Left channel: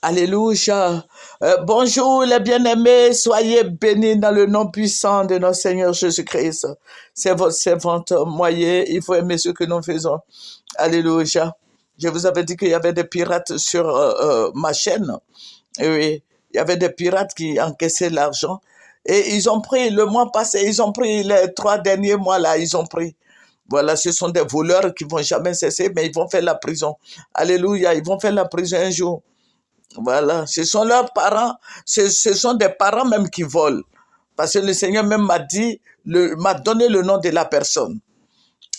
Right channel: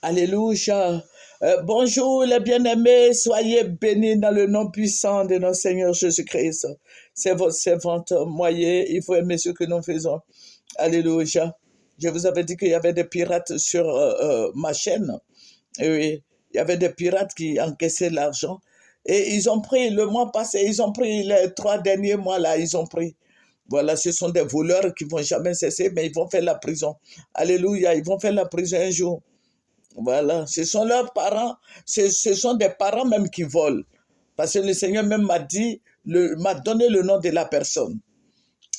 Alléluia. Bonjour les bien-aimés, soyez bénis dans le nom puissant de notre Seigneur Jésus-Christ. C'est votre servante moyen, il faut aimer ce que nous faisons. Alléluia. Je vous avais dit qu'il y avait des pirates sur ma chaîne. Et oui, il y avait des pirates qui encaissaient l'argent. Et ils ont pris, le mois passé, ils ont pris les 3 derniers mois là, ils ont pris. Voilà, ce sont des voleurs qui ne vont jamais cesser, mais ils vont faire la prison. Alléluia, ils vont faire la prison un jour. Voilà, ce sont leurs parents, ce sont des parents même qui volent. Parce que le Seigneur même m'a donné le nom de la personne.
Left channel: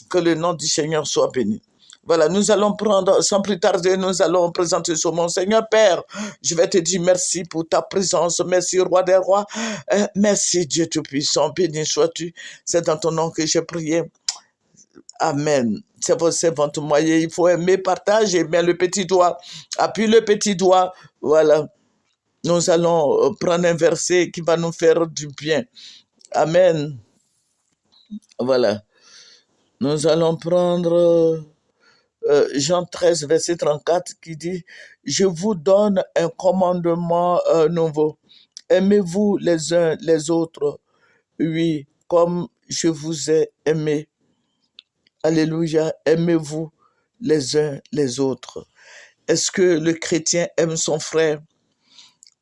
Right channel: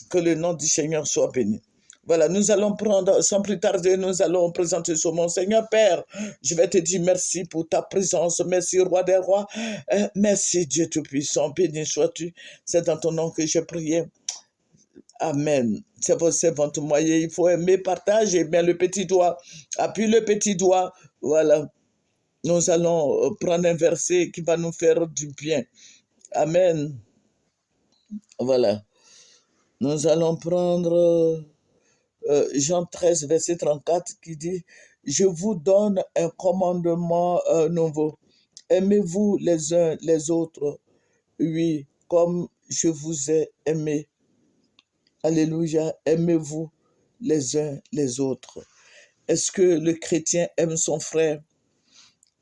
Que le nom du Seigneur soit béni. Voilà, nous allons prendre, sans plus tarder, nous allons présenter ce mon Seigneur Père. Je vais te dire merci pour ta présence, merci Roi des Rois, merci Dieu Tout-Puissant, béni sois-tu. C'est dans ton nom que j'ai prié. Amen. C'est votre moyen. Il faut aimer, partager, bien le petit doigt. Appuie le petit doigt. Voilà. Nous allons prendre un verset qui va nous faire du bien. Amen. Voilà. Nous allons prendre Jean 13, verset 34 qui dit « Je vous donne un commandement nouveau. Aimez-vous les uns les autres, oui, comme je vous ai aimé. » Alléluia. Aimez-vous les uns les autres. Est-ce que le chrétien aime son frère?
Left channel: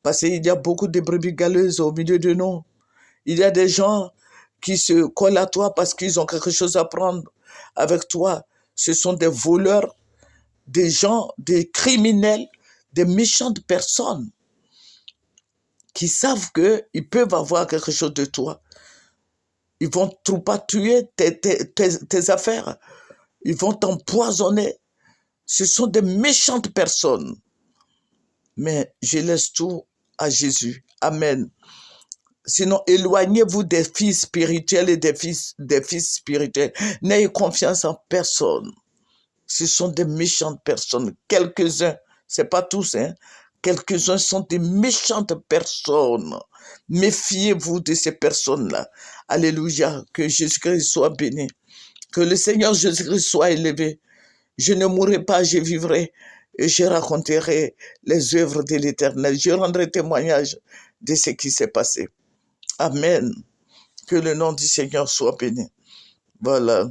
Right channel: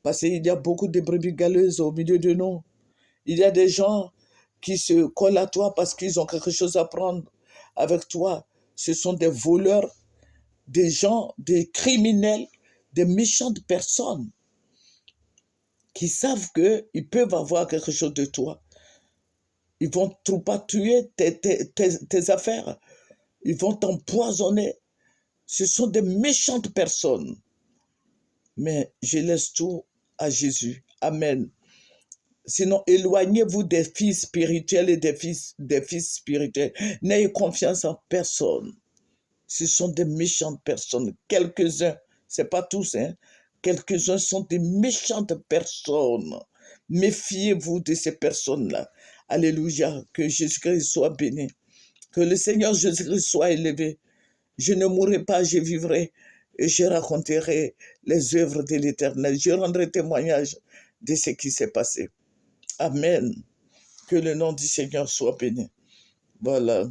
Parce qu'il y a beaucoup de brebis galeuses au milieu de nous. Il y a des gens qui se collent à toi parce qu'ils ont quelque chose à prendre avec toi. Ce sont des voleurs, des gens, des criminels, des méchantes personnes qui savent qu'ils peuvent avoir quelque chose de toi. Ils vont pas tuer tes affaires. Ils vont t'empoisonner. Ce sont des méchantes personnes. Mais je laisse tout à Jésus. Amen. Sinon, éloignez-vous des fils spirituels et des fils spirituels. N'ayez confiance en personne. Ce sont des méchantes personnes. Quelques-uns, ce n'est pas tous, hein. Quelques-uns sont des méchantes personnes. Méfiez-vous de ces personnes-là. Alléluia. Que Jésus-Christ soit béni. Que le Seigneur Jésus-Christ soit élevé. Je ne mourrai pas, je vivrai. Et je raconterai les œuvres de l'Éternel. Je rendrai témoignage de ce qui s'est passé. Amen. Que le nom du Seigneur soit béni. Voilà.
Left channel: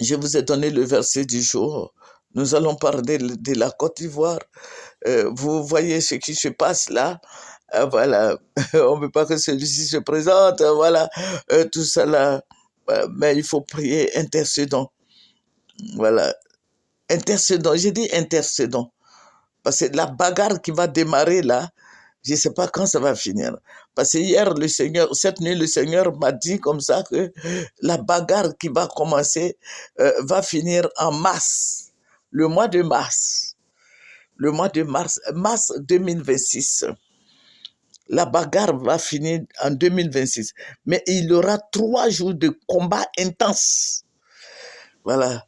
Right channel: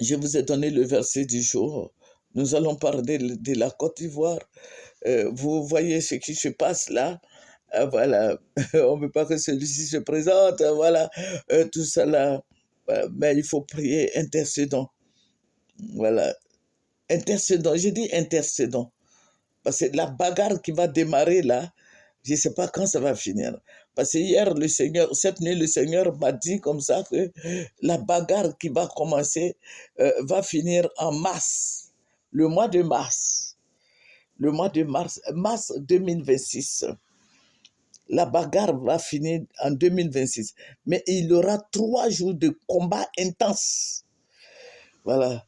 Je vous ai donné le verset du jour. Nous allons parler de la Côte d'Ivoire. Vous voyez ce qui se passe là. Voilà. On ne veut pas que celui-ci se présente. Voilà. Tout ça là. Mais il faut prier, intercédons. Voilà. Intercédons. J'ai dit intercédons. Parce que la bagarre qui va démarrer là, je ne sais pas quand ça va finir. Parce que hier, cette nuit, le Seigneur m'a dit comme ça que la bagarre qui va commencer va finir en mars. Le mois de mars. Le mois de mars, mars 2026. La bagarre va finir en 2026. Mais il y aura 3 jours de combat intense. Voilà.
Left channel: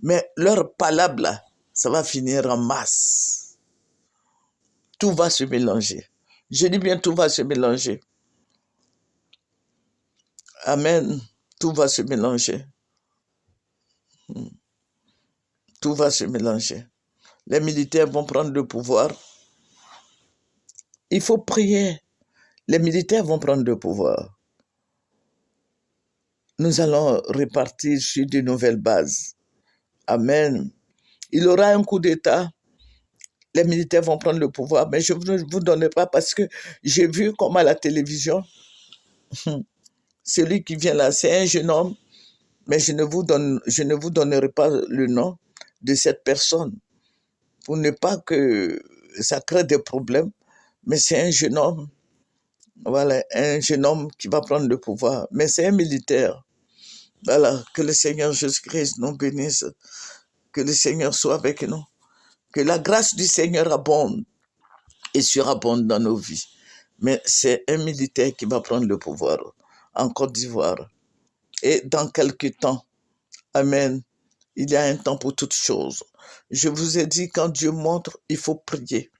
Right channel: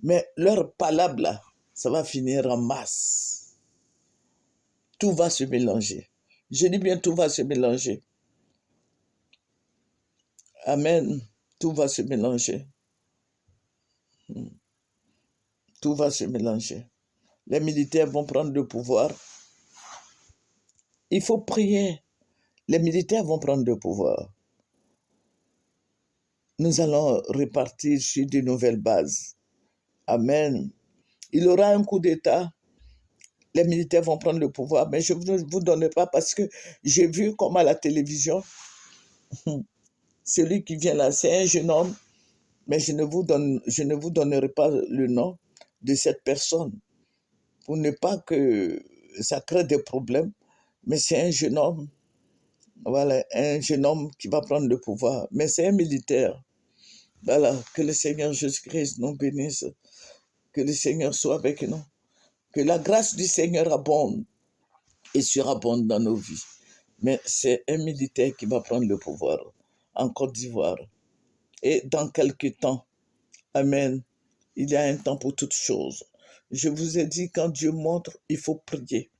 Mais leur palabre là, ça va finir en mars. Tout va se mélanger. Je dis bien tout va se mélanger. Amen. Tout va se mélanger. Tout va se mélanger. Les militaires vont prendre le pouvoir. Il faut prier. Les militaires vont prendre le pouvoir. Nous allons repartir sur de nouvelles bases. Amen. Il y aura un coup d'État. Les militaires vont prendre le pouvoir, mais je ne vous donne pas parce que j'ai vu comme à la télévision, celui qui vient là, c'est un jeune homme, mais je ne vous donnerai pas le nom de cette personne pour ne pas que ça crée des problèmes, mais c'est un jeune homme, voilà, un jeune homme qui va prendre le pouvoir, mais c'est un militaire. Voilà, que le Seigneur Jésus-Christ nous bénisse, que le Seigneur soit avec nous, que la grâce du Seigneur abonde et surabonde dans nos vies. Mais c'est un militaire qui va prendre le pouvoir en Côte d'Ivoire. Et dans quelques temps, amen, il y a un temps pour toutes choses. Je vous ai dit, quand Dieu montre, il faut prier.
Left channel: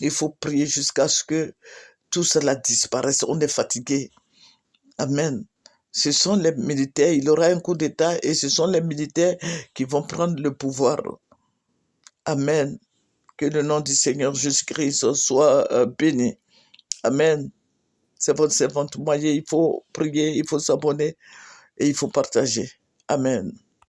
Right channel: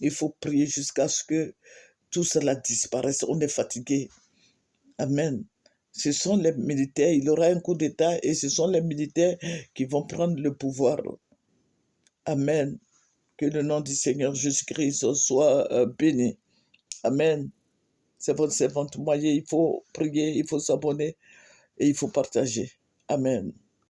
Il faut prier jusqu'à ce que tout cela disparaisse. On est fatigué. Amen. Ce sont les militaires, il y aura un coup d'État et ce sont les militaires qui vont prendre le pouvoir. Amen. Que le nom du Seigneur Jésus-Christ soit béni. Amen. C'est votre moyen. Il faut prier, il faut s'abonner et il faut partager. Amen.